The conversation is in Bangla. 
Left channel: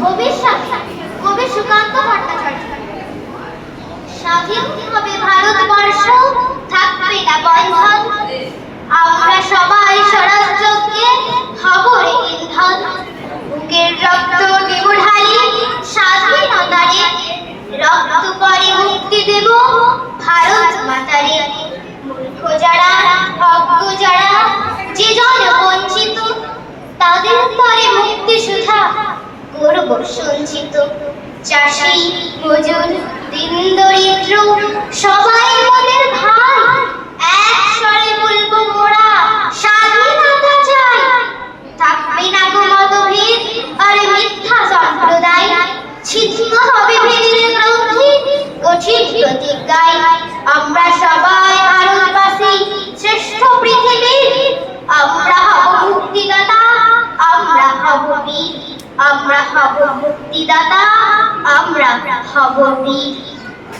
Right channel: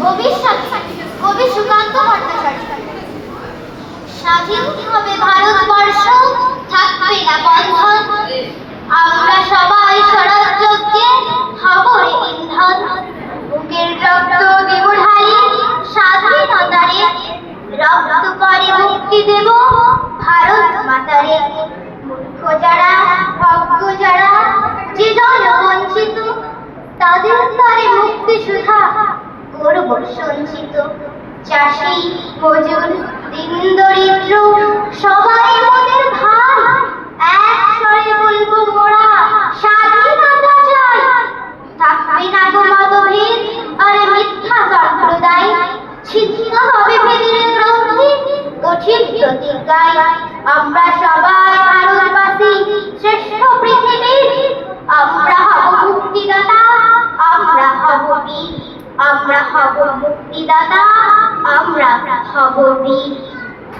ভবিষ্যৎ কবি সুকান্ত ভট্টাচার্য। স্বাধীন হবে ভারতবর্ষ, থাকবে না বন্ধন, আমরা সবাই স্বরাজ্যকে হব রে ইন্ধন। বুকের রক্ত দেব ঢালি স্বাধীনতারে, রক্ত পরে মুক্তি দেব ভারত মাতারে। মূর্খ যারা, অজ্ঞ যারা, যে জন বঞ্চিত, তাদের তরে মুক্তি সুধা করব সঞ্চিত। চাষি মজুর দিন দরিদ্র সবাই মোদের ভাই, এক স্বরে বলবো মোরা স্বাধীনতা চাই। থাকবে না গো মতভেদ আর মিথ্যা সম্প্রদায়, ছিন্ন হবে ভেদের গ্রন্থি কঠিন প্রতিজ্ঞায়। আমরা সবাই ভারতবাসী শ্রেষ্ঠ পৃথিবীর, আমরা হব মুক্তিদাতা, আমরা হব বীর। আমরা হব মুক্তিদাতা, আমরা হব বীর।